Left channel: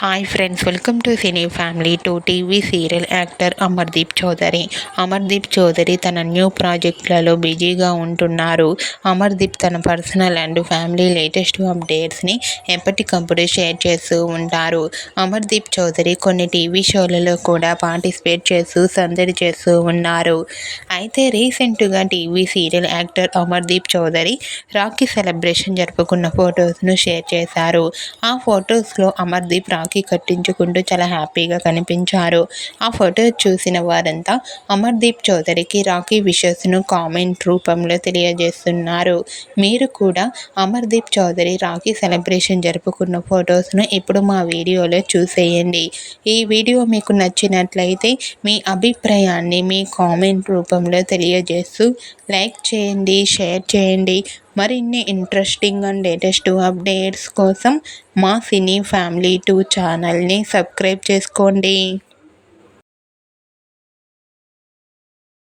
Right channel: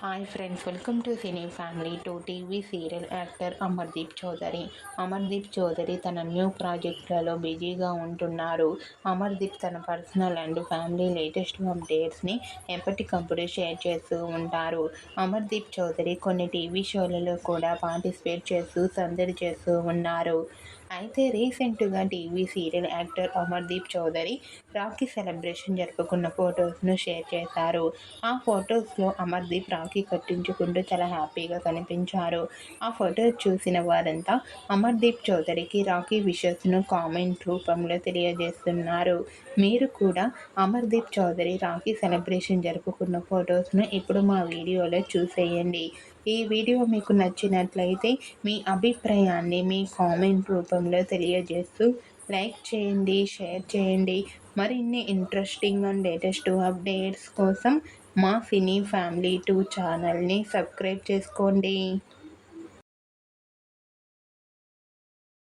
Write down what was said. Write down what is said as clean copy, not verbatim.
Hi friends, welcome to Cine Family. TV serial actor Amardeep Chowdary. Amardeep Chowdary తన new ప్రాజెక్టులలో బిజీగా ఉంటున్నారు. అమర్దీప్ తన పర్సనల్ అండ్ ఫ్యామిలీ లేటెస్ట్ అప్డేట్స్ని ఎప్పటికప్పుడు షేర్ చేస్తూ ఉంటారు. అమర్దీప్ చౌదరి కొన్ని టీవీ షోలలో కూడా పార్టిసిపేట్ చేస్తూ సందడి చేస్తూ ఉన్నారు. అయితే రీసెంట్గా TV serial actor Amardeep Chowdary Rakhi celebration జరుపుకున్న ఫొటోస్ను షేర్ చేశారు. ఆ ఫొటోస్లో అమర్దీప్ రాఖీ కట్టించుకుంటూ చాలా హ్యాపీగా కనిపించారు. ఆ ఫోటో చూసిన వారంతా అమర్దీప్ చౌదరికి రాఖీ విషెస్ను కామెంట్ రూపంలో తెలియజేస్తున్నారు. మీరు కూడా అమర్దీప్ చౌదరి రాఖీ సెలబ్రేషన్ జరుపుకున్న ఫొటోస్ను ఇప్పుడు మా వీడియోలో చూసేయండి. ఈ వీడియో మీకు నచ్చినట్లయితే మీ అభిప్రాయాన్ని మీ కామెంట్ రూపంలో తెలియజేస్తూ లైక్ చేయండి, షేర్ చేయండి. మరిన్ని ఇంట్రెస్టింగ్ అండ్ లేటెస్ట్ అప్డేట్స్ కోసం మా సినీ ఫ్యామిలీ 2 ఛానల్ని సబ్స్క్రైబ్ చేసుకోండి.